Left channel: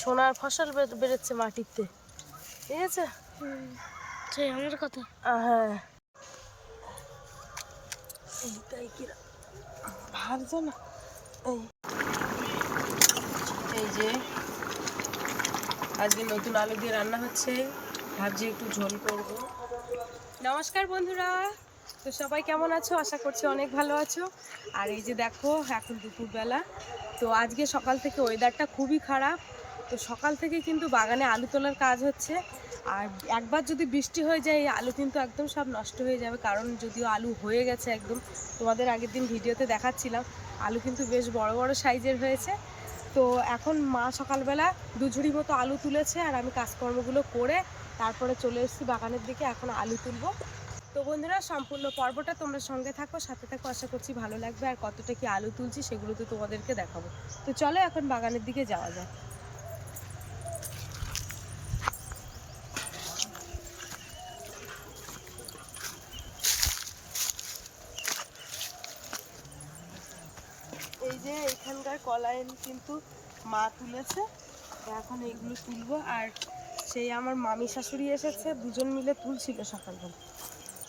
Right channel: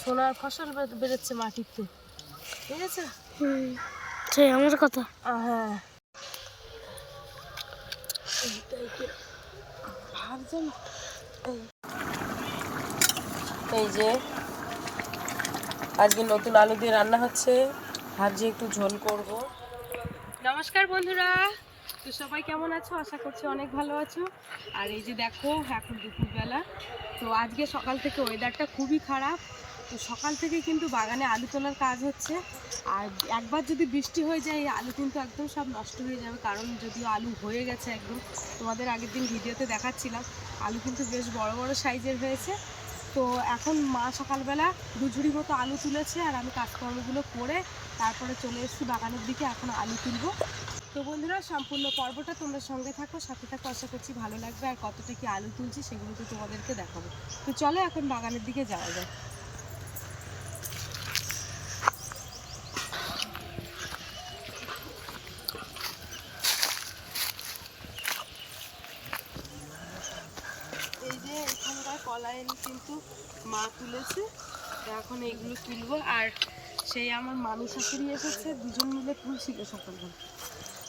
সোনার ফসল বেরোচ্ছে মাটিতে, ঠিক আছে? সেই আমার কথা। হ্যাঁ, ভাবছো না? এই যে আজকে নতুন আলু দিয়ে রান্না হচ্ছে, ভাবছি একটু ঝোল করব। নমস্কার বন্ধুরা, তো সবাই কেমন আছো? আশা করছি অনেক ভালো আছো। আর এই যে দেখো, এখন দুপুরবেলা, তো আজকে সকাল থেকে ওয়েদারটা খুবই খারাপ। তো সকাল থেকে কিন্তু বাগানে আলু তোলার কাজ হচ্ছে। আর একবার যদি বৃষ্টি হয়ে যায়, এই আলু কিন্তু একদম সব নষ্ট হয়ে যাবে। কারণ যদিও আলু হয়ে গেছে একদম, তোমাদের আগের দিন ভিডিওতে দেখাচ্ছিলাম, আলু কিন্তু বেশ বড় বড় সাইজের হয়েছে। তো এখন মা সকালবেলা 2 ঝুড়ি মতো আলু তুলেছে, আর আমি কাজকর্মগুলো করে তারপরে চলে এসেছি বাগানের দিকে। এখন আলু তুলবো। তো বন্ধুরা, সম্পূর্ণ পর্বটা তোমরা সঙ্গে থাকো, সাথে থাকো, আশা করছি ভালো লাগবে। আর কতটা কি আলু তুলছি সেগুলো তো তোমাদেরকে দেখাবো। তো চলো এখন বাগানের দিকে যাওয়া যায়। এই যে এখানকার কলাইন কিন্তু মা তুলেছে, তো এখন এইগুলো তুলবো। আর সেই আমার মামি শাশুড়ি এসেছে, দুজন মিলে তুলছিল সকালবেলা।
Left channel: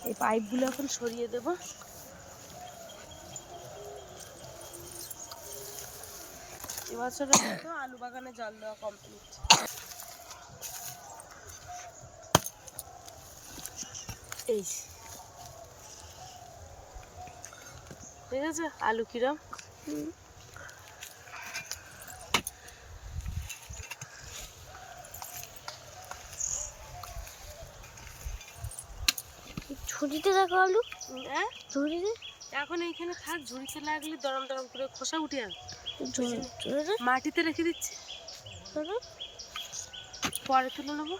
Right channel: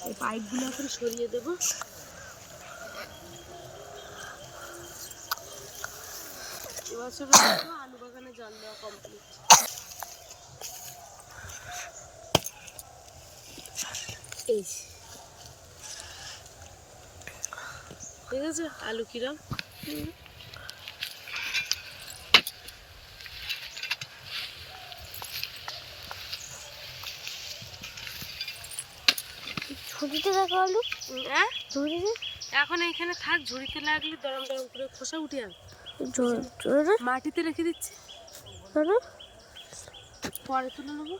এই পাইপগুলো এখন সরিয়ে দেব। এবছরে আলু বাগানে জল দেওয়া কমপ্লিট। এই ঠিক আছে, আলু কিরম? ঝুড়িতে দেখো আলু। হ্যাঁ, ঝুড়িতে এখন এইখানে থাক, ঝুড়িতে লাগলে দরম দরম করে খোসা উঠে আসবে। ঝুড়িতে মাটিতে রেখে দিচ্ছি, পরে তুলে নেবো।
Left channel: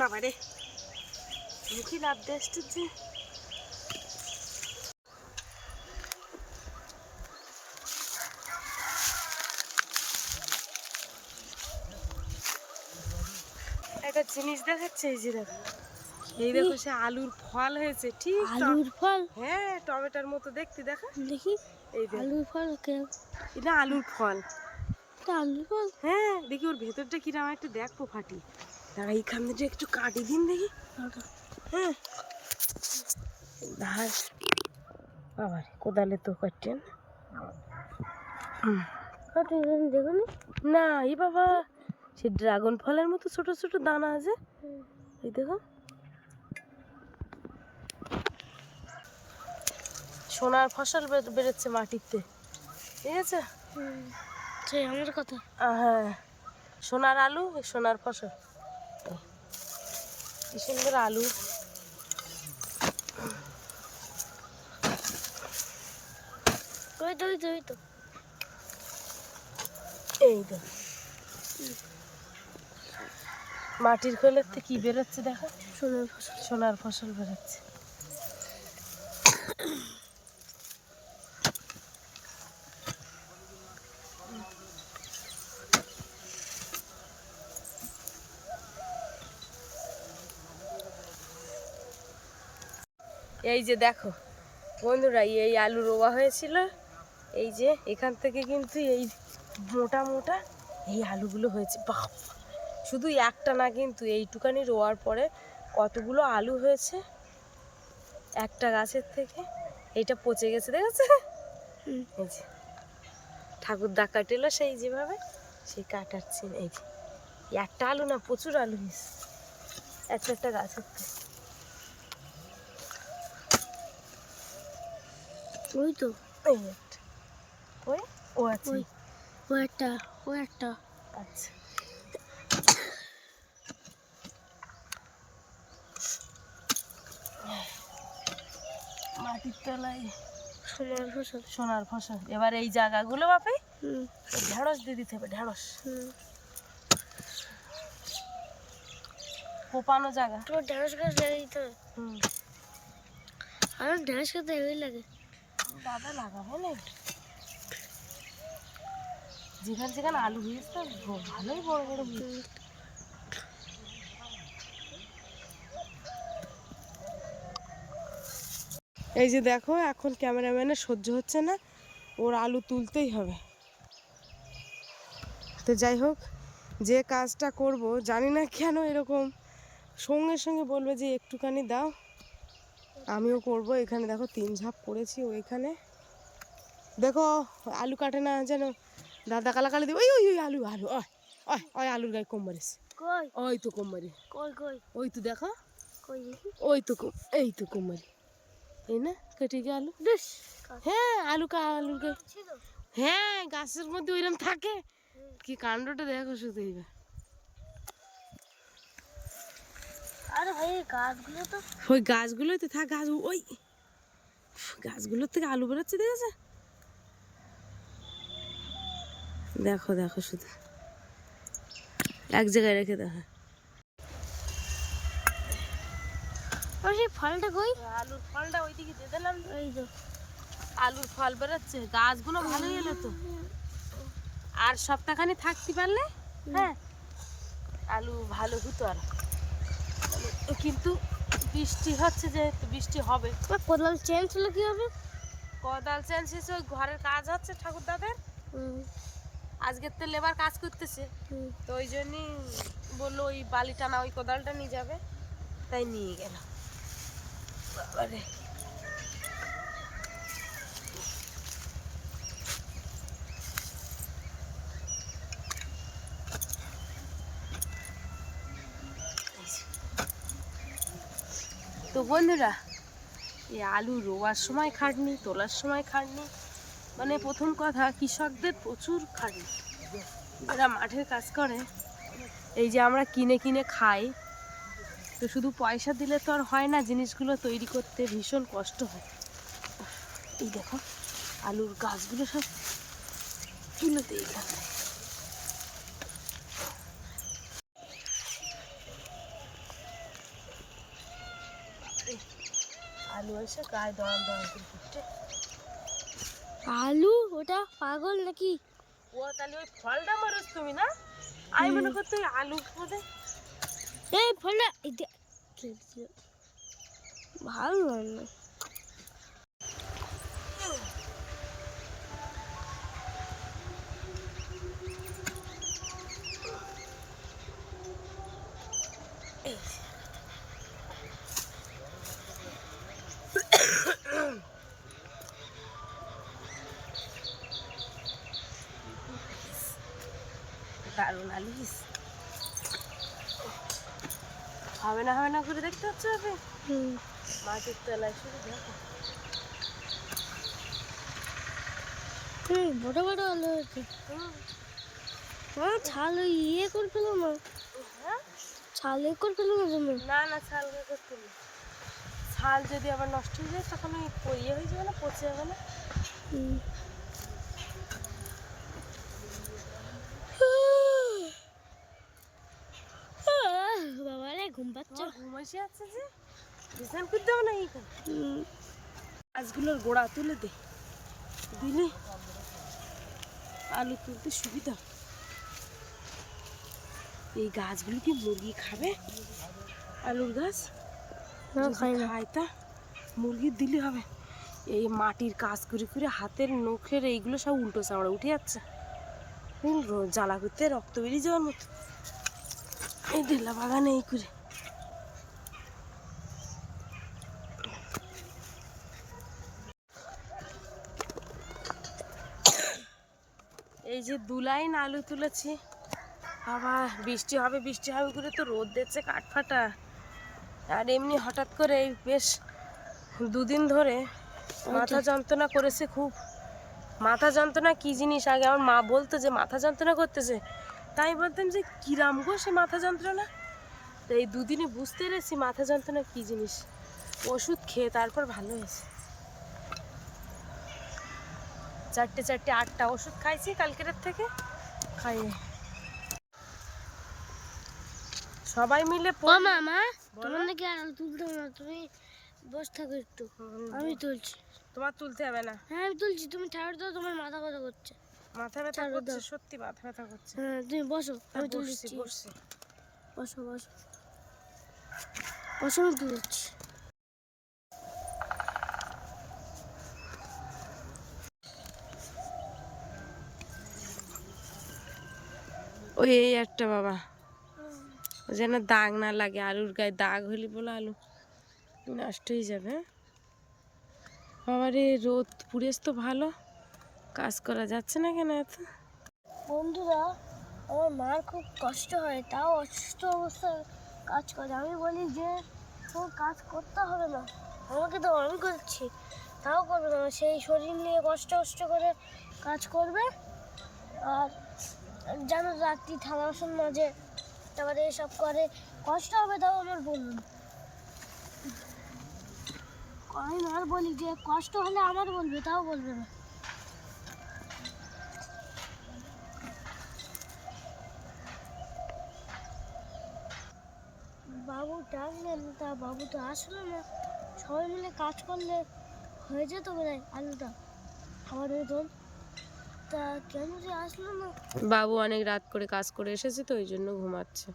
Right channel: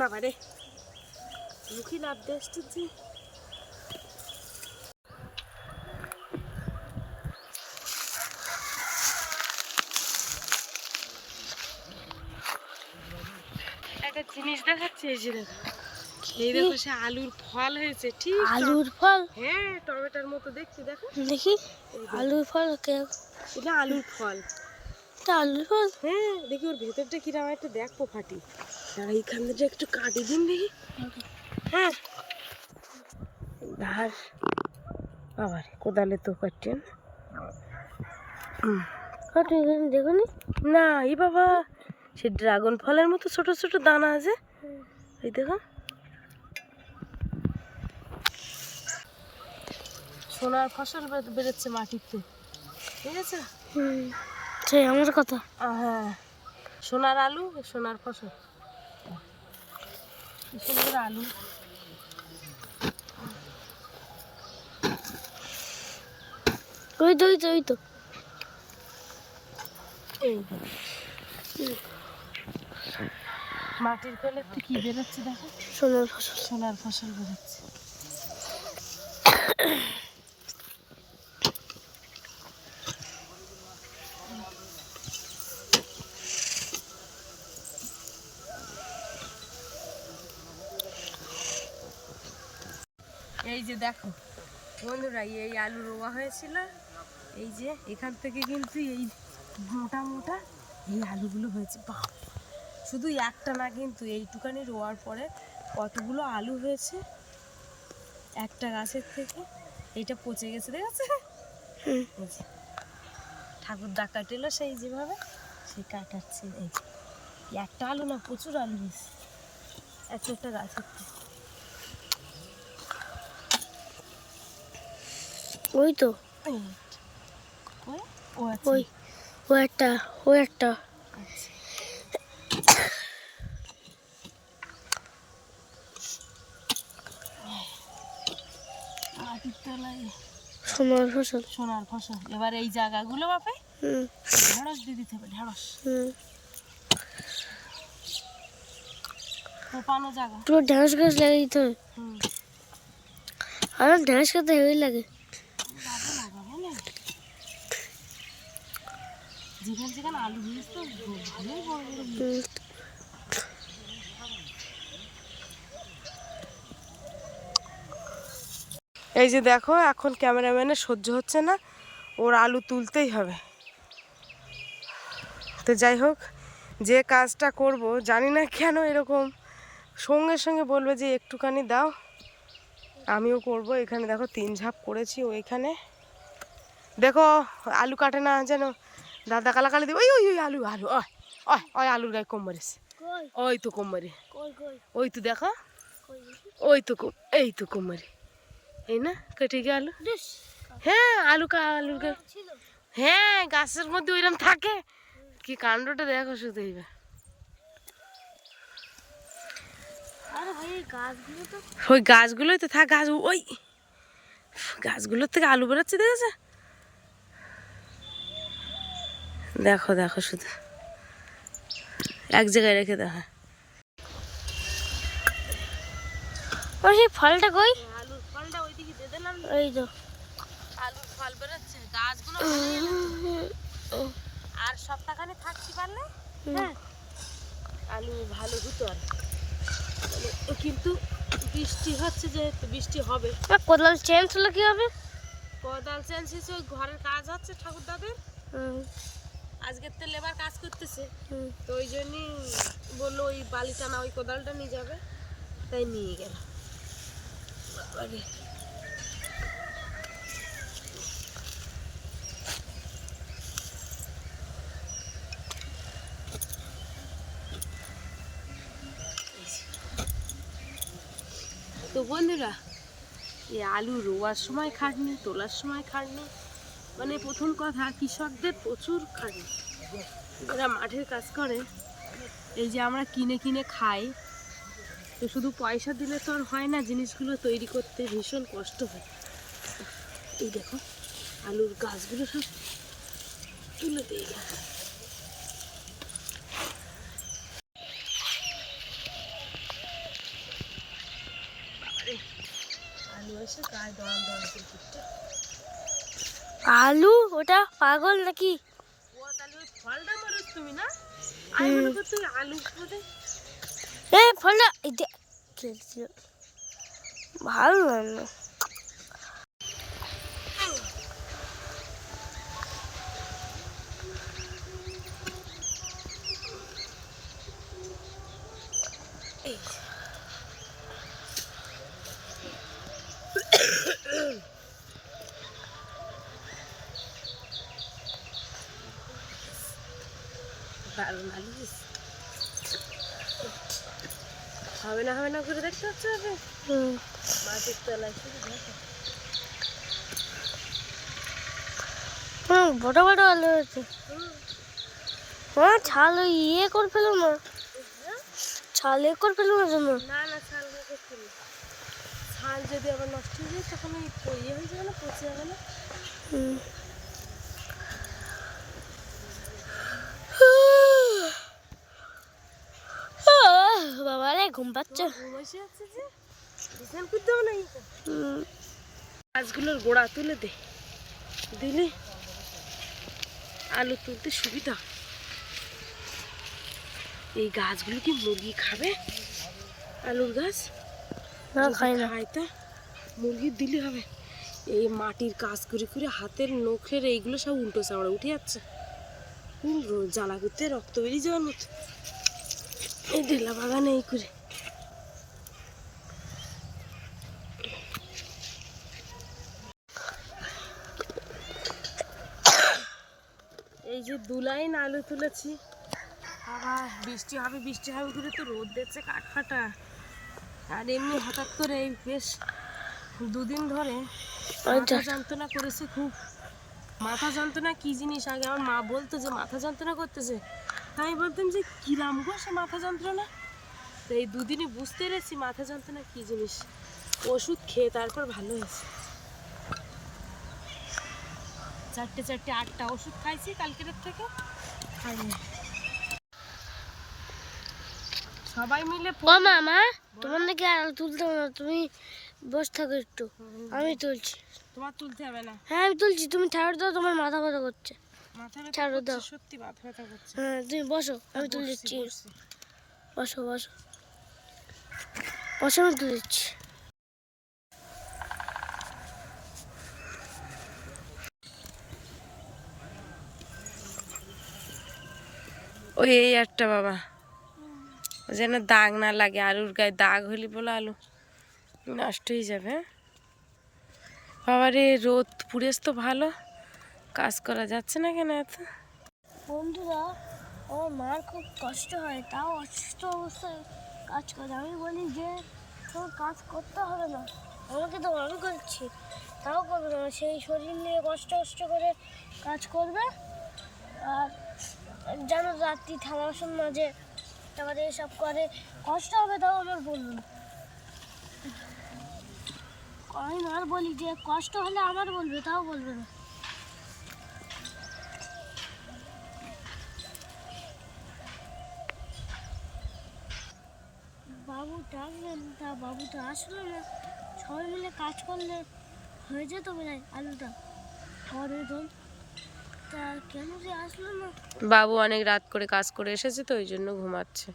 বাবা রে, মুখি লাভ দিয়ে আসতেছে। একটা জিনিস দেখাচ্ছে, এই যে দেখো, এই দেখো, সে আলুর ফল হয়েছে। ঠিক আলুর ফল? হ্যাঁ, টমেটোর মতো দেখতে। দেখো দেখি আলুর ফল। এটা আলুর ফল। এটা আলুর ফল? হ্যাঁ, দেখি ওর ভেতরটা কিরম একটু দেখবো ফাটি। দাঁড়া, এইখান থেকে একটু কাটি দিন দেখি। হ্যাঁ, ঘাস আবার কোদালে তো কাটছেন। দেখুন না, এই বাবা, সে ড্রাগন ফলের মতো ছোট ছোট দানা আছে। এই দেখো, সোনার ফসল বেরোচ্ছে মাটিতে, ঠিক আছে? সেই আমার কথা। হ্যাঁ, সোনার আলু, সোনার ফসল। কি সুন্দর আলু। ওই তো ওই তো ওই তো এই তো মাটির খোলের থেকে কি বেরোচ্ছে দেখো, সোনার ফসল। সোনার ফসল বেরোচ্ছে। এই যে দেখো বন্ধুরা, এই আলু রোয়া হয়েছিল। এই যে এখান থেকে কিন্তু এই মোটা মোটা এই আলুগুলো হয়েছে। বাপ, শুধু একটা না, কিন্তু এইটুকানি রোয়ার পরে কতগুলো আলু হয়েছে একটা গাছের থেকে। এইটা পচে গেছে, দেখেছে? এই যে ঠাকুর দা কাটেলো সেই যেভাবে, সেই কাটাচ্ছে। এই যে একটা আলু না, প্রচুর আলু হয়েছে একটা গাছের থেকে। ওই তো এই একটা, ওই ও আছে, ওই ও একটা, ও একটা। আচ্ছা, মাটির তলায় সোনার ফসল। সোনার ফসল। এবার এই জায়গাগুলো বাপে ঢেঁড়স দিয়ে দিতে হবে, ঢেঁড়স। কোপানো জায়গা, তোমার ঢেঁড়স গাছ লাগিয়ে দিতে হবে। আর ঢেঁড়স খেতে হেভি লাগে। দাদা লাগাবো না, যেখানে যেখানে আলু হয়েছে তো ভালোই বড় বড় হয়েছে। এই যে দেখো, এখন ক্যামেরাম্যানের সহ্য হচ্ছে না, ওর আলু তুলতেই হবে। তো যাই হোক, যে কাজটা করব জানি না কেন এরকম সঙ্গে সঙ্গে বলবে যে একটুখানি দাও, আমিও করব। এখানে দেখো 3 ঝাঁপ করেছি। ওইখানে দেখো আলু কাটে না যেন দাদা কালাকালি দিব। ওই ওই ওই আলু আলু ওই ওই ওই আলুর গায়ে কম মারিস, কই ওই তো কম মারি, কই কই ওই তো দেখো, কই দেখি ওই তো এই তো কম মারি, এই না কেটে গিয়ে আলু। ডিস হ্যাঁ আলু আলুর গায়ে, ছিল। হ্যাঁ গাছের মধ্যে ওইরকম থাকে। কি কাণ্ডটা দেখো শুধু এইবার। আরে ভাই এই গাছগুলো তো ওই গাছগুলোই তো থাক, গাছ ওই গাছগুলোর থেকে আলু বেরোচ্ছে দেখেছে। দেখো দেখো শুধু এক জায়গায় রেখে দেখো। ওই সেই ফলটা কই? আলুর ফলটা ওইদিকে দিয়ে দিলাম। এই তো আলুর ফল বেরোচ্ছে, গাছগুলো ভালো এলো তো। আর সপ্তাহখানি থাকছি পারলে হ্যাঁ আলু ভালো হতো। আর কিন্তু বৃষ্টি হচ্ছে, যেহেতু বৃষ্টি হবে। কোদাল চেঞ্জ হলো কি হবে? কোদাল চেঞ্জ হয়েছে, ওই ঘরের কাজ হচ্ছে ঠাকুরদাদের। আজকের তো লেবার কাজ করতেছে, তো ওই জন্যই বললো ওই বালিটা না ওই কোদালটা নিয়ে যাবে, তাই নিয়ে গেল। বাবারে তো বন্ধুরা, এই আলু রোয়ার সময় খাটনি, তোলার সময় খাটনি, মানে প্রথম কথা কৃষকদের প্রচুর খাটনি। যারা মাঠের কাজ করে, এই যে আমরা কিনে কিনে খাই, তো শুধু পয়সা দিলে তো আর হয় না, জিনিসগুলো তৈরি করতে ভীষণ কষ্ট হয়। এই দেখো আলুর গাছগুলো সব তুলে দিয়ে গেছে। বাবারে আলু এসে গায়ে দোয়ান দোয়ান করে ফুটছে। আলু ওটা পাগল নাকি? ও তাহলে ওই ফলটা মানুষ তুমি না, আমি মনে করতে আলু বোধে। এই ফলটা এই যে খেলছিল ভালো লাগলো। দারুণ আলু হবে না হবে না করে দেখতে হচ্ছে। মাটির তলায় শুধু দেখো। বড় বড় আলু আছে। হ্যাঁ ছাল ওই ইয়ে করে ফেলো না, ছাল এ করে ফেলো না জন্য। না না ছাল করতে নেই, ছাল যদি আবার নষ্ট হয়ে যায় তখন ওই ইয়ে হয়ে যাবে না, পচে যাবে না। বাবা রে ঘুম পাচ্ছে। ঘুম এসে আছে যে বিছান করতে হবে না। এই গাছগুলোর গোড়া তুলে দে, দিলে আলু তুলতে সুবিধা। এই গাছগুলো কি মুরগি খাবে? আলুর গাছ না খাই না। খায় তা মুরগি দিলে হবে। এই মাটির কাজ করে করে হাতের নখের এইগুলো সব উল্টো চামড়া উঠে যাচ্ছে, জ্বালা করতে রক্ত বেরিয়ে যাওয়ার মতো। এই ঢেলা বাগানে এই করে এই যে 2 লাইন আলু তুলেছি। বাবা বৃষ্টি হবে বৃষ্টি হবে করে তো রোদ দিচ্ছে কাঠফাটা। আর এমনি হঠাৎ করে এই বেশ 2 দিন ধরে মাথা যন্ত্রণা করেছে খুব। মাথা যন্ত্রণা কি জিনিস, আগে আমার মা বলতো যে মাথা যন্ত্রণা করতেছে, তাই বলতাম যে কিরাম গো সে মাথা যন্ত্রণা। তো এই 2 দিনই বুঝতে পেরেছি মাথা যন্ত্রণা কি জিনিস। ওষুধ খেয়ে তারপর ভালো হয়েছে। 4টে 8টা ওষুধ খাইছি কালকের থেকে, খাইনি। সবাই মিলে ও মামা তোমার নাকি আলু তুলতে হবে না, তুমি বসে থাকো একটু, আমি তুলছি। তোমার তুলতে হবে না। হ্যাঁ আমি তুলছি, তুমি ছাড়ো দাও, তোমার মাথা ব্যথা করছে। মাথা ব্যথা ছাড়ো করছে, দাও। সত্যি মাথা ব্যথা করছে। হ্যাঁ তুমি বসো, আমি তুলে বসছি, দিচ্ছি। বসছি। বসো বসো বসো, আমি তুলে দিচ্ছি। ওই এই একটা বাবা, যেন দাগ না লাগে, আলুর গায়ে দাগ হলি বলে আলু নষ্ট হয়ে যাবে। হ্যাঁ বাবা রে, রোদ পুড়েছ তো ভালো, কাজ করা যাচ্ছে না কেন এত? বন্ধুরা, আমার মার খুব কষ্ট হয়, তাও অসুস্থ অবস্থায় কাজ করে। আমি বলি যে তোমার কাজ করতে হবে না, আমাকে তো আমি করছি, তাও করবে না। সেই শরীর নিয়ে কষ্ট কষ্ট করে কাজ করবে। আর যেন রাত্রি থালা বাসন মাঝে, তারপরে এসব করে, কষ্ট হবে, তাও আমার বলুন। আমি মার বলি যে কষ্ট হলে আমার বলবে, তাও বলবে না। বাবু ডাকলেন, তা বাবু তো আসলো না। সবাই মিলে কাজ করলে হয়ে যেত বোধহয় আলুটা খাওয়ার মতন, তা কেন যে আসলো না। বাবু অনেক রাত করে কাজ করে এসেছে তো ওই জন্য ঘুমাচ্ছে,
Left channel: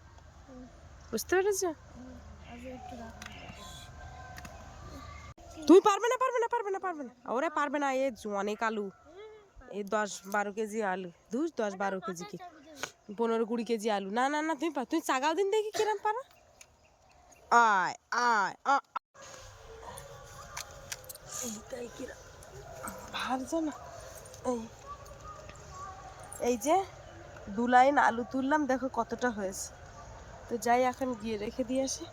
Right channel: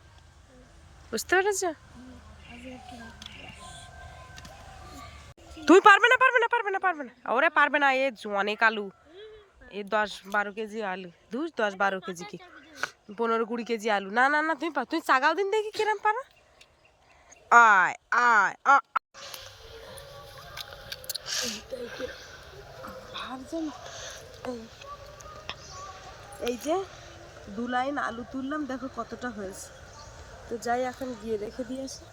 বুঝতে পেরেছো? আজ একটু রাত তুমি পারবে না, পারবে না, পারবে না, পারবে না, ওরা পারবে না। এ অনেক আলু, এই 10-12 কেজি আলু, 10-12 কেজি কি 15-20 কেজি আলু। না না না, তুমি তুমি চাগাও দিন দেখি কিরম পারো। আয় আয় ভাবছো না? এই যে 2 লাইন আলু তুললাম, দেখো কতটা হয়েছে। তো যাই এখন গিয়ে রেখে দিয়ে আসি।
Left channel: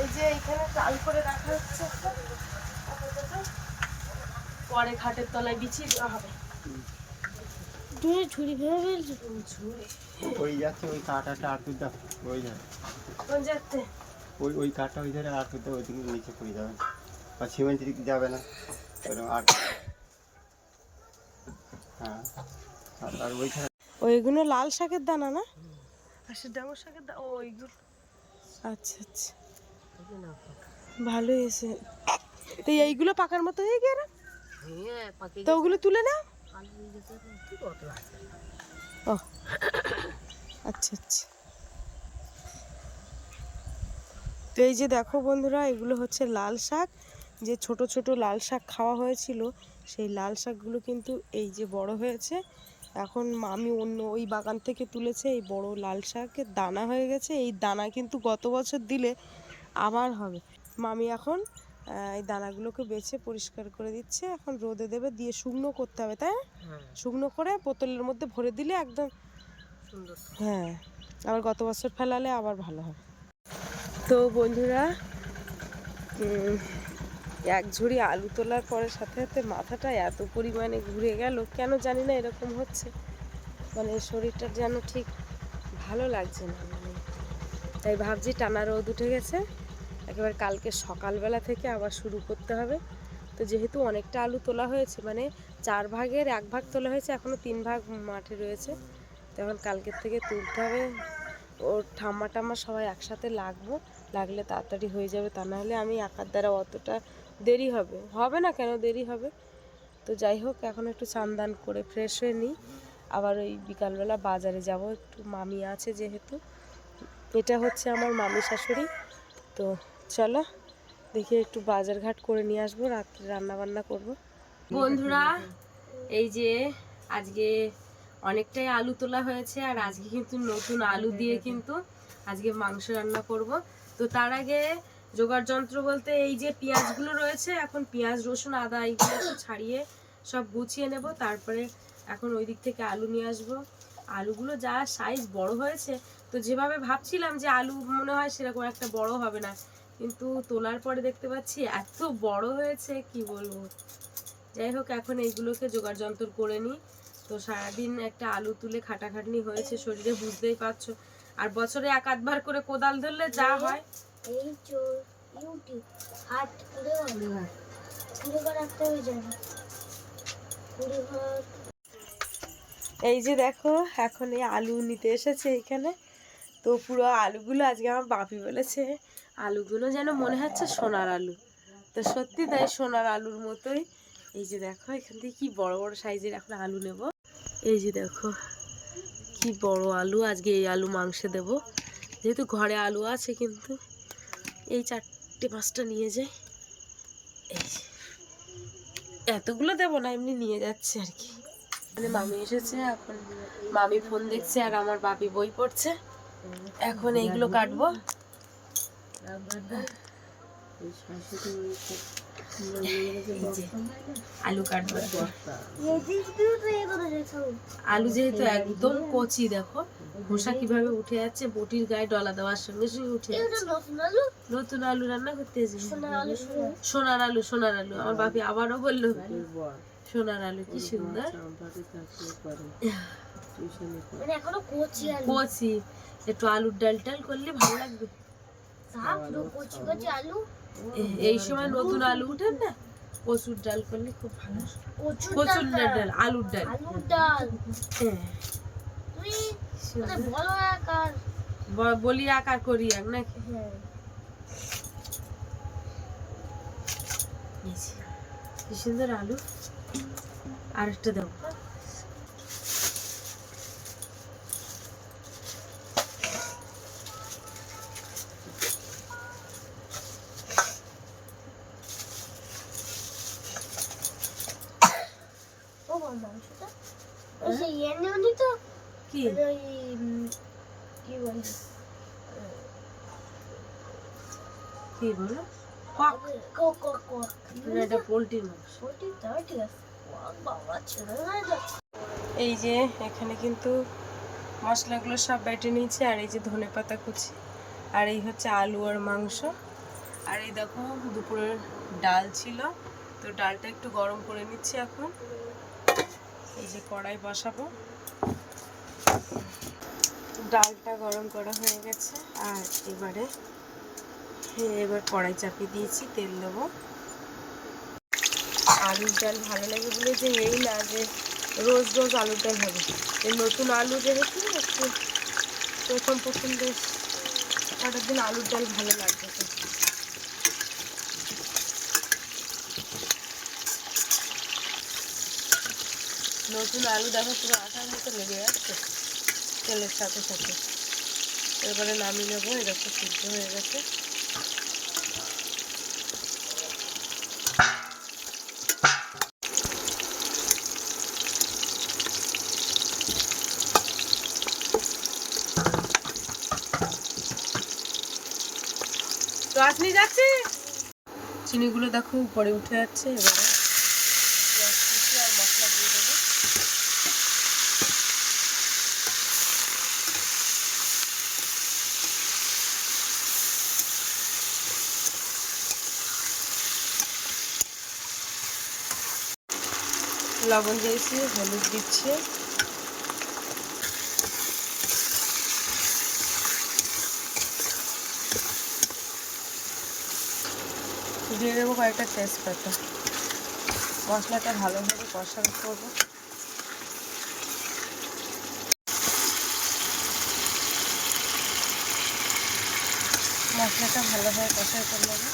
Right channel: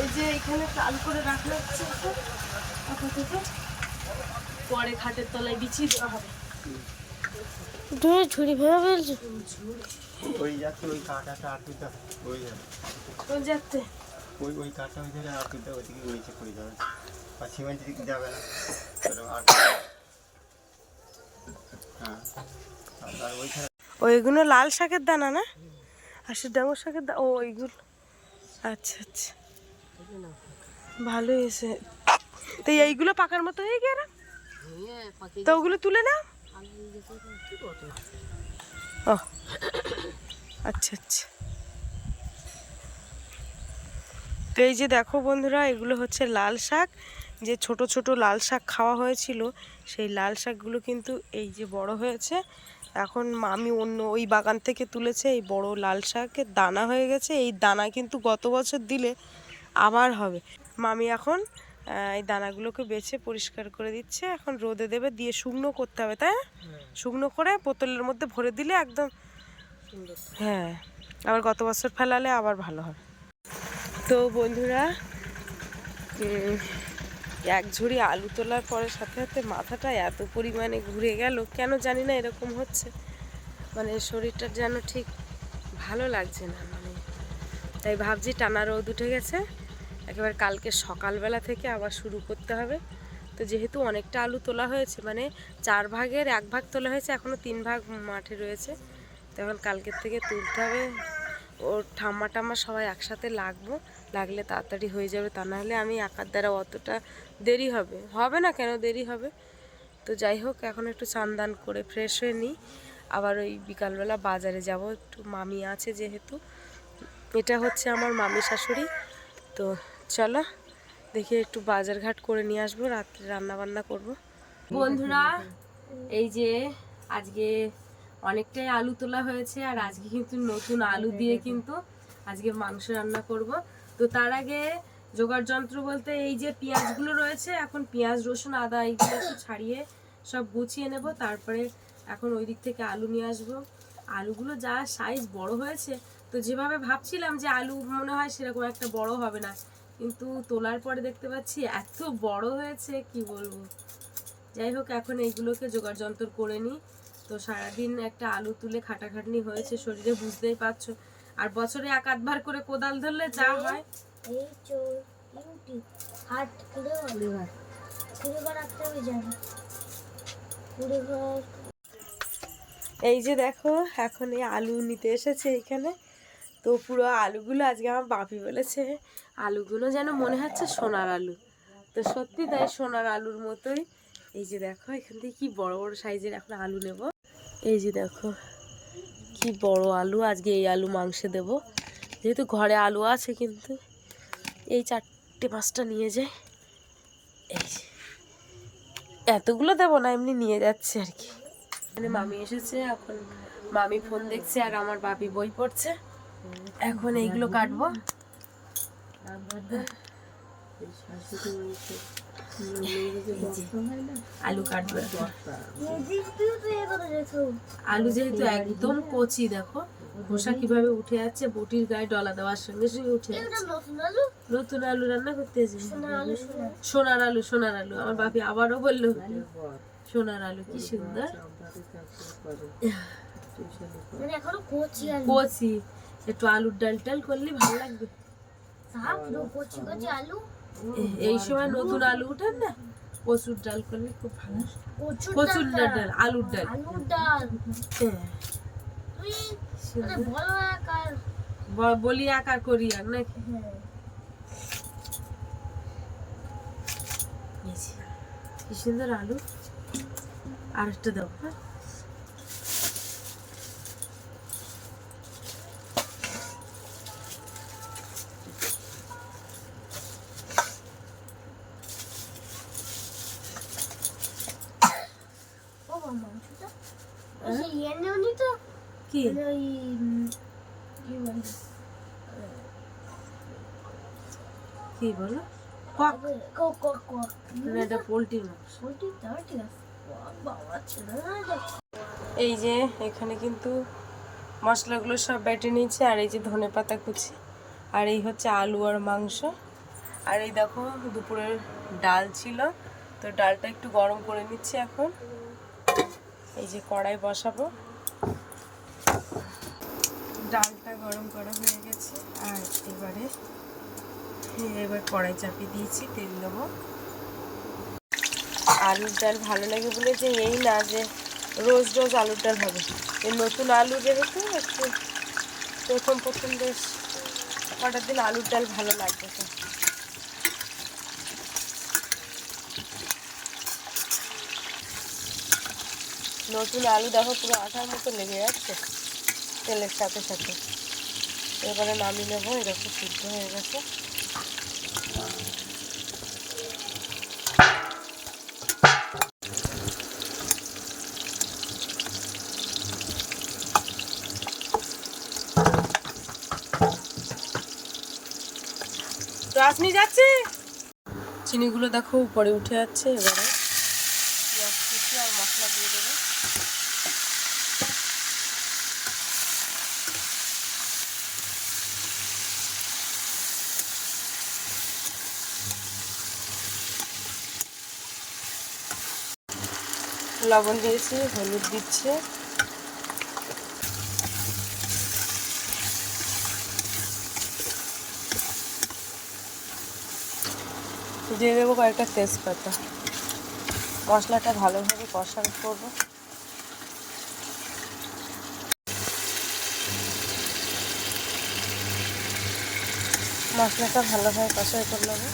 এই যে এখানে টাল করে রাখা হচ্ছে একটা আপাতত, পরে খাটের তলায় বিছিয়ে দেওয়া হবে। তুমি ঝুড়ি ভেঙে ফেলছো। ওই যাচ্ছে ওই কাঁটাটা আঁকিটা ওই কোন যাচ্ছে? ওই কাঁটা ওই ধারে আঁকিতে ওইদিকে নিচে করে যাবে, আর সিমেন্টের দিকে যাবে না এরকম হ্যাঁ। আর ওইখানে ওইগুলো লাল শাকের দানা না, আর সে ডাঙর শাকের দানা, ও ওইগুলো। আচ্ছা আচ্ছা, ভালোই এসে। তো এইগুলো পাকার মতো হয়ে গেল, তো ওগুলো তুলে নাও। ও আচ্ছা আচ্ছা। তো এই যে দেখো বন্ধুরা, এগুলো হচ্ছে লাল শাক। যে ছোট ছোট লাল শাক খাওয়া হয়েছিল, সেই লাল শাকগুলো কিন্তু এই যে বড় হয়েছে। এখন মামি অন্য ওই বাগান থেকে তুলেছে এই বড় লাল শাকের দানা হয়ে গেছে। এই দানা কিন্তু গত বছর দিলে আবার হবে। মামি এখন এই দানাগুলোকে বেছে পরিষ্কার করে দিচ্ছে, এখন রোদে দেবে, দিয়ে শুকনো করতে হবে, তাই না? শুকনো করে বোতলের মধ্যে ভরে দিলে একদম সুন্দর। হ্যাঁ, আবার গত বছর ফেলালে আবার ভালো হবে। তো বন্ধুরা, এক ঝুড়ি আলু তোলার পরে সাথে সাথে মাথাটা এত পরিমাণে ঘুরে গেল, কেন জানি না এরকম হচ্ছে। মানে শরীরটা যেন ঠিক ভালো লাগছে না, মানে তাই ভাবছি টানা রোদ উঠে গেছে, একেবারে কালকে সকালবেলা থেকে আবার শুরু করতে হবে। তো যেহেতু অনেকটা আলু তোলা হয়েছে, মানে 4 ভাগের 1 ভাগ তোলা হয়েছে, এখনও 3 ভাগ মাঠে রয়েছে, তখন কালকের থেকে তুলতে হবে। ওর ঠাম্মা টাম্মা সবাই একসাথে লাগলে তাড়াতাড়ি হয়ে যাবে, তা নাহলে আমি একার দ্বারা অতটা দেরি হবে না, কেন দেরি হবে। তো যাই হোক, এখন একটু স্নান করে ফ্রেশ হয়ে নিই, আবার ওই বিকালবেলা বাজারে যাব একটু, মামি আছে যেহেতু। এটা হচ্ছে আমার মামি শাশুড়ি। তো চলো দেখি একটু বাজারঘাট করে নিয়ে আসবো, রাত্রে রান্না বান্না করব। বন্ধুরা, এই যে আজকে অনেকটাই আলু তোলা হয়েছে, আর আজকে কিন্তু নতুন আলু দিয়ে কিন্তু আজকে মাংস রান্না করব। তো তার আগে জোগাড় যন্ত্র বলতে এই যে পেঁয়াজগুলো রয়েছে, এখন পেঁয়াজ রসুন আদা এইগুলো একটু ছাড়িয়ে সব গুছিয়ে নেব। তারপরে এখন ওই দিক থেকে আলু নিয়ে আসবো। আলুগুলো যা সাইজ বড় হয়েছে, তো যেভাবে ভাবছিলাম যে আলু মনে হয় সেরকম একটা বড় হবে না, কিন্তু তোলার পরে দেখতে পাচ্ছি এত বড় হয়েছে, কি বলবো। যাই হোক, এখন এইগুলোকে জোগাড় যন্ত্র করে নিই। তো সারাদিন একটা আলু তুলে খাটাখাটনি হয়েছে শরীরে, বুঝতেই পারছো। আর বছরে 1-8 বার করে কোদাল ধরলে যা হয়। এই যে দেখো, এখন এই আলু নিতে এসেছে এখানে। তো পুরো আলুগুলো আজকে আমার বাপি বলেছে আলুগুলো যেন মনে হচ্ছে সোনার আলু। তো সত্যি তাই, সোনার আলুর মতোই। এই যে দেখো এখান থেকে কি বড় বড় সাইজের এখন আলু নেব। এই যে দেখো কি বড় আলু, আজকে এই আলু মাংসে দেব। যেহেতু ঘরে আলু আছে, কিন্তু এই 4-5টা নিয়ে যাই। এই যে এতগুলো দেবো না, এমনি নিয়ে যাচ্ছে আর কি। মানে মামি এসেছে, এখন মামি ফোন দেখছে আর আমার বাপি বই পড়ছে। এখন এইগুলো কাটবো। আলু কাটবো। আলু যেহেতু একদম কচি, দেখো খোসা কিভাবে উঠে যাচ্ছে, বটির গায়ে ডলা দেওয়ার সঙ্গে সঙ্গে উঠে যাচ্ছে। নতুন আলু রান্না করতে এসেছি। সোনার আলু, সোনার আলু। আমার বাপি আবারও বললো সোনার আলু, কি সুন্দর কচি। একটু আলুর ডাল টাল করলে ভালো লাগবে। এই সময় নতুন আলু উঠে না, কচুর ডাল করলে খুব ভালো। কচুর ডাল, আলুর ডাল। বলি আকার করি আর নাকি। কি সুন্দর আলু। আরেকটা দাও। কি কি বলো? এটা পোলট্রির মাংস। এই যে এখানে কিন্তু মশলাগুলো সব বেটে নিয়েছে, আর এই যে ধনেপাতা কুচি, আর এই হচ্ছে আলু আর মাংস। আর এই দেখো দুপুরের ডাল ছিল, তো ডালটা একটু গরম করে নিচ্ছি এখন। এই যে কড়াই বসাবো, ডালটা গরম করা হয়ে গেছে। আর এবার কড়াই চাপিয়ে দিয়েছি, তেল দেবো। আলুর ডাল ভালো লাগে বলে যে এই না যে রোজ রোজ আলুর ডাল হবে। এই নতুন আলু যেহেতু একটু প্রথম বেশ কটা দিন আলুর ডাল ভালো লাগবে। নতুন আলু দেখো পুরো আঠার মতো লেগে যাচ্ছে তেলের সাথে সাথে। এবারে নামিয়ে নেবো, এরকম সিদ্ধ হয়ে গেছে। নিয়ে যাচ্ছে, চিনিগুলো দেখো উপরে উঠে যাচ্ছে। এবারে মশলা দিয়ে দেবো। লবণ দিয়েছি, হলুদ দিচ্ছি। দিয়ে দেবো কয়েকটা তেজপাতা। মশলাটা ভালোভাবে কষানো করবো। মশলাটা ভালোভাবে কষাই করে নেবো।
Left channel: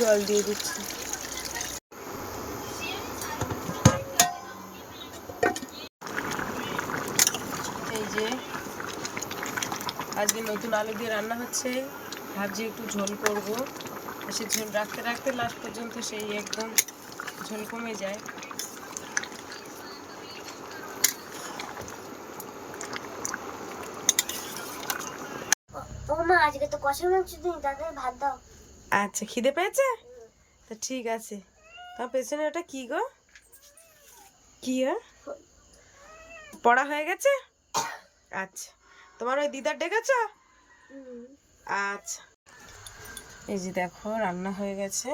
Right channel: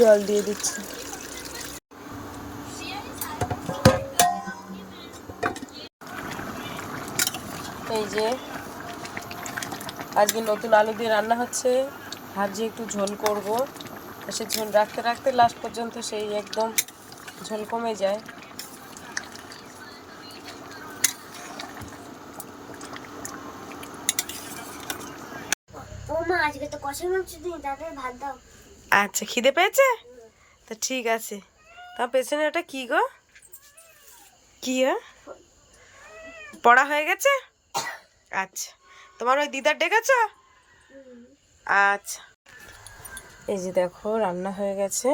জল দিয়ে দিচ্ছি। এই যে আজকে নতুন আলু দিয়ে রান্না হচ্ছে, ভাবছি একটু ঝোল করব। সে ঝোল রাখতে রাখতে লাস্ট পর্যন্ত সেই একদম ঝোল কমে যায়। ও মা আজকে তো কষার মাংস দিই, তাড়াতাড়ি ভাত দাও। আচ্ছা, খিদে পেয়েছে? তো ঠিক আছে। তোমার পেছনে ওটা কি গো? কি পড়া হয়ে গেছে? আচ্ছা, তোমার ওই দিদার ডেকেছ? আচ্ছা, এই যে দেখো রান্না হয়ে গেছে।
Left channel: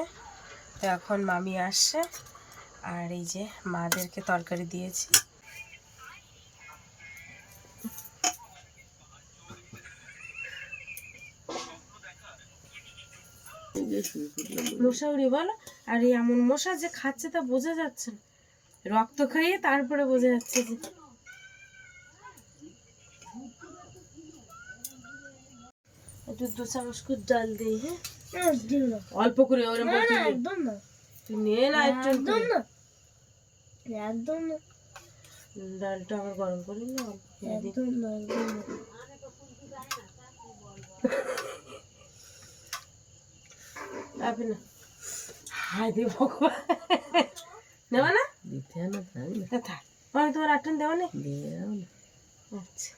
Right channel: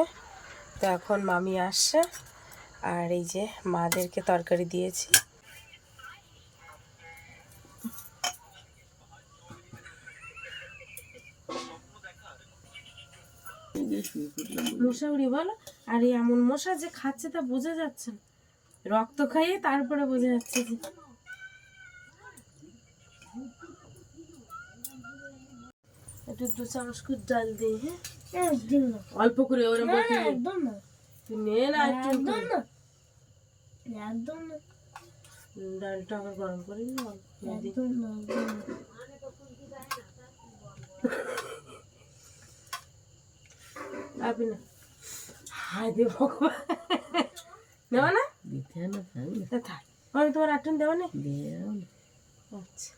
তো এখন মামি আসছে, আর এই যে মাদেরকে তরকারি দিয়েছি। মশা উড়ি বলো, আর এই এমন মশা যে খাচ্ছে তা বোঝা যাচ্ছে না, রক্ত খাইয়ে তারপরে বোঝা যাচ্ছে যে। একটু 2 চামচ করে ডাল দিই। হ্যাঁ, একদম না, অল্প করে, ওরকম না, না, একদম না, তুই নে না একটু। একদম না, একদম না, ডালটা আবার গরম করি না, অল্প করে দিই। একদম না, একদম না। আপনি না, হায় দে ভগবান, দেওয়া না? দিতে না তাই না? তা থাক, মানে তোমার আটন দেওয়া নেই? দিয়ে দাও না। আচ্ছা,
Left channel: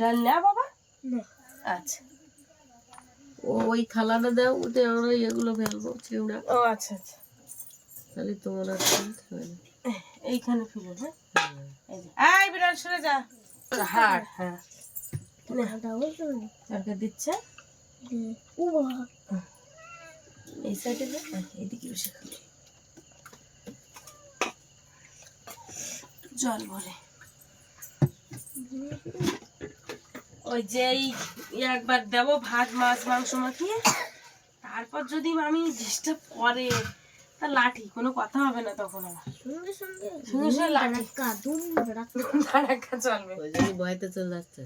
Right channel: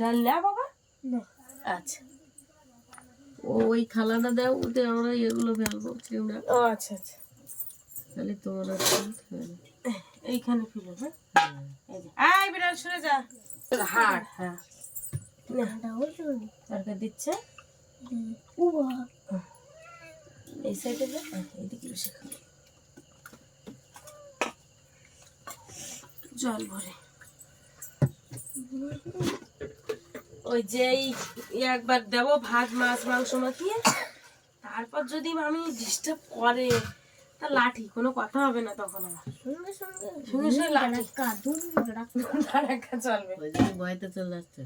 ডাল না বাবা? না। আচ্ছা, ওই থালাটা দাও, ওতে আমরা এগুলো ফেলবো চিংড়া। ও আচ্ছা আচ্ছা, তাহলে তোমার আর কিনতে হবে না। এইখানে ফেলো। হ্যাঁ, এই যে আয় বিড়াল সরে যা। হাড়, হ্যাঁ তরকারি দিচ্ছে। ও বাবা, এই সাইডে দে, এইদিকে বসে খাও। জল ভরে ওই যে একবার দেবো ভাত মাছ মাংস মাখিয়ে, তারপর যদি মামি ডিস্টার্ব করে তা লাঠি, কোনো কথা হবে না তখন আমার সঙ্গে সঙ্গে সঙ্গে সঙ্গে লাঠি কাদুন ধারাক্কা চলবে। ওই জন্য ভয়তে চলে যাচ্ছে।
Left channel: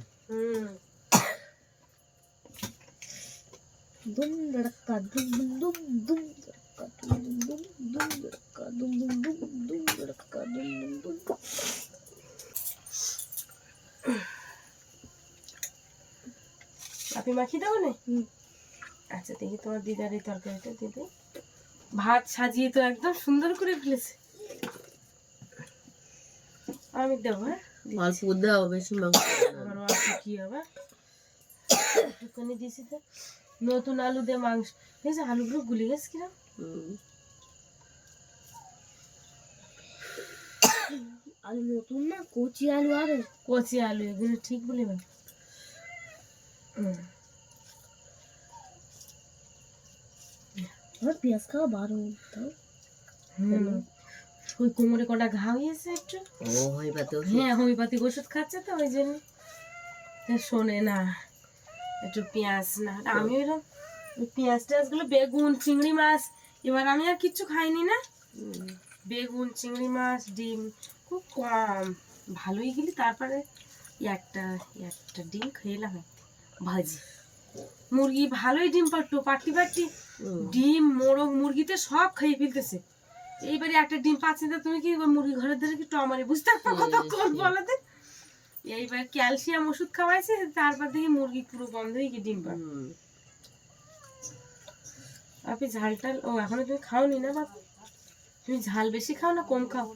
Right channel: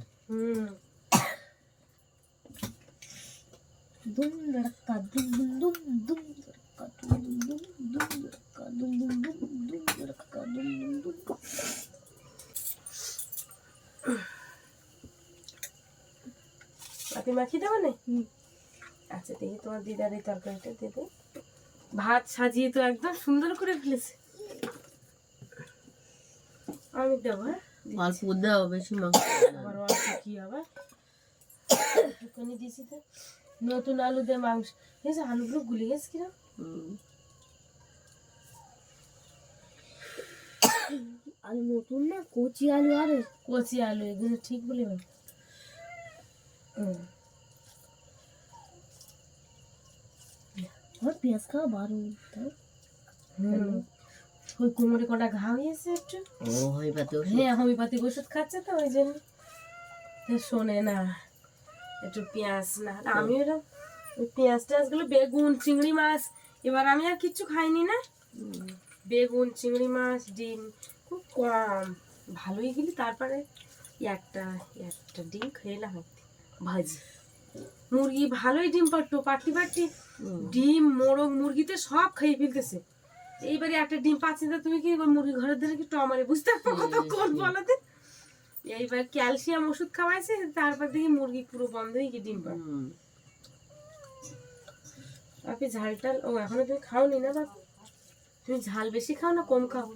দুম ধড়কা দুম দুম দুম ধড়কা দুম দুম দুম ধড়কা দুম দুম দুম দুম ধড়কা দুম দুম দুম। আপনি মাখিয়ে দেবো না? আচ্ছা, দেখি তোমার দিদার এই তরকারিটা দিদি ভাত সাজিয়ে তো একদম সুন্দর করে ফেলেছে। আমি দেবো, হ্যাঁ অল্প দাও, বেশি মাংস আমার অল্প কি আবার একটুখানি দিয়েছি তো। নতুন আলু দিয়ে মাংস, এই যে আলুগুলো গুলে গেছে কিরম। আলু নতুন না, কচি আলু, আরে কচি আলু, এগুলো ঠিক বলে না। আমার পেঁয়াজ খাওয়া বারো তাও। ওই কোমরে কটা ঘা হয়েছে একটু। ও হয় পাতে হ্যাঁ, হোমিওপ্যাথিক ওষুধ খাচ্ছে তো ওই জন্য শোনে না একটু পেঁয়াজ না। আমি এরকম ওই পেঁয়াজ টেয়াজ গুলো, বেগুন চিংড়ি মাছ, এবার আমি আর কিচ্ছু খাইনি না। বেগুন চিংড়ি মাছ ডিম খুব কম, ভালোই গেলি। তারপরে একটা একটা ডিম খেলাম, ভাজি মুরগি ভালোই ডিম পারতো, পাটি পাটি ডিম মোরগ মুরগিতে সব খেয়ে ফেলতেছে। এইবারে একটা ডিম পাচ্ছি না, তুমি কি মুরগি ঘরের ধরে কি টমারে বুঝতে পারো কতক্ষণ বলাতে। এইবার ক্যালসিয়াম ওষুধ খাওয়াইছে, তারপর দেখি মুরগি পুরো বন্ধ হয়ে গিয়ে ডিম পায়। আপনি ঝাল টাল, ও এখনো তুমি খাওনি না বাবা? তুমি ঝাল বেশি খাও না কম খাও?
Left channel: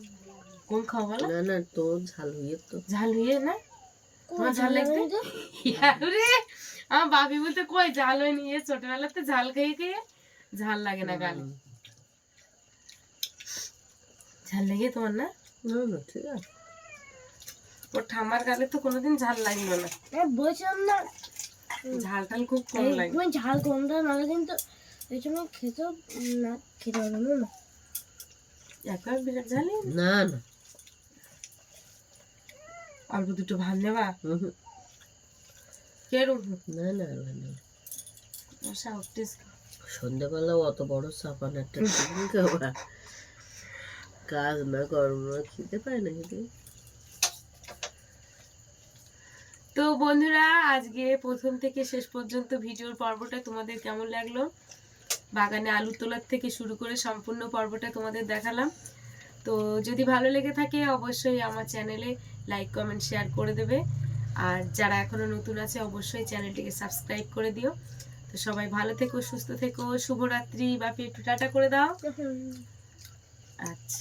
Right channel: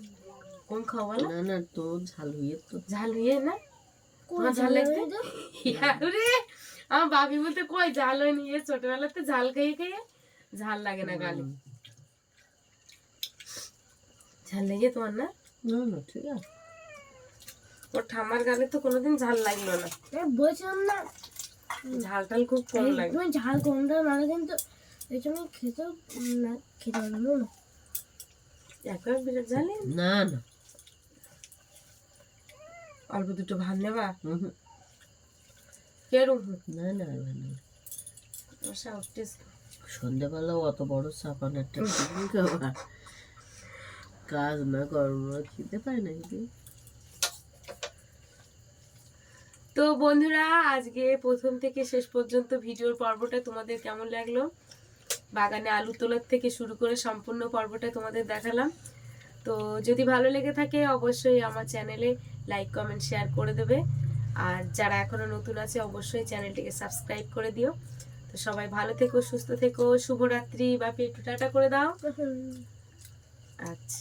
কম খাও বলো। না না, তো ঝাল হয়ে তো ঝাল হয়ে না, তোমার ঝাল লাগবে? রে আমার বাপি বলতে কই ঝাল হয়নি, ছোটবেলাতে ঝাল খেয়ে খেয়ে ঝাল লাগে না গালে। ঝাল লেগে তোমার না? না না, ঠিক আছে। ওর ঠাম্মার গালে তো কোনোদিন ঝাল লাগলো না, বলছিলাম না ঝাল টাল খুব কম লাগে। তুমি ঝাল কমটা নাহলে কিন্তু এই সময় খেতে না, খেতে পারবে না। একবার বিরাট ঝালি না না, অল্প দুটো ভাত নেবা কেরম না না, টেস্ট। সন্ধ্যাবেলাও অত বড় চাপান একটা খাবার, কাজ না কর্ম খেতে পায় না কিন্তু। তো বন্ধুরা, আজকে প্রথম থেকে শেষ পর্যন্ত ভিডিওর পর্বটা তোমাদের কেমন লাগলো? বাগানে আলু তোলার থেকে শুরু করে সম্পূর্ণ পর্বটা তোমাদের দেখালাম। তো যদি ভালো লেগে থাকে অবশ্যই আমার চ্যানেলে লাইক কমেন্ট শেয়ার করে দেবে, আর যারা এখনো নতুন আছে অবশ্যই চ্যানেলটিকে সাবস্ক্রাইব করে দিও। তো সবাই ভালো থেকো, সুস্থ থেকো, শুভরাত্রি। বাপি একটু টাটা করে দাও। আচ্ছা।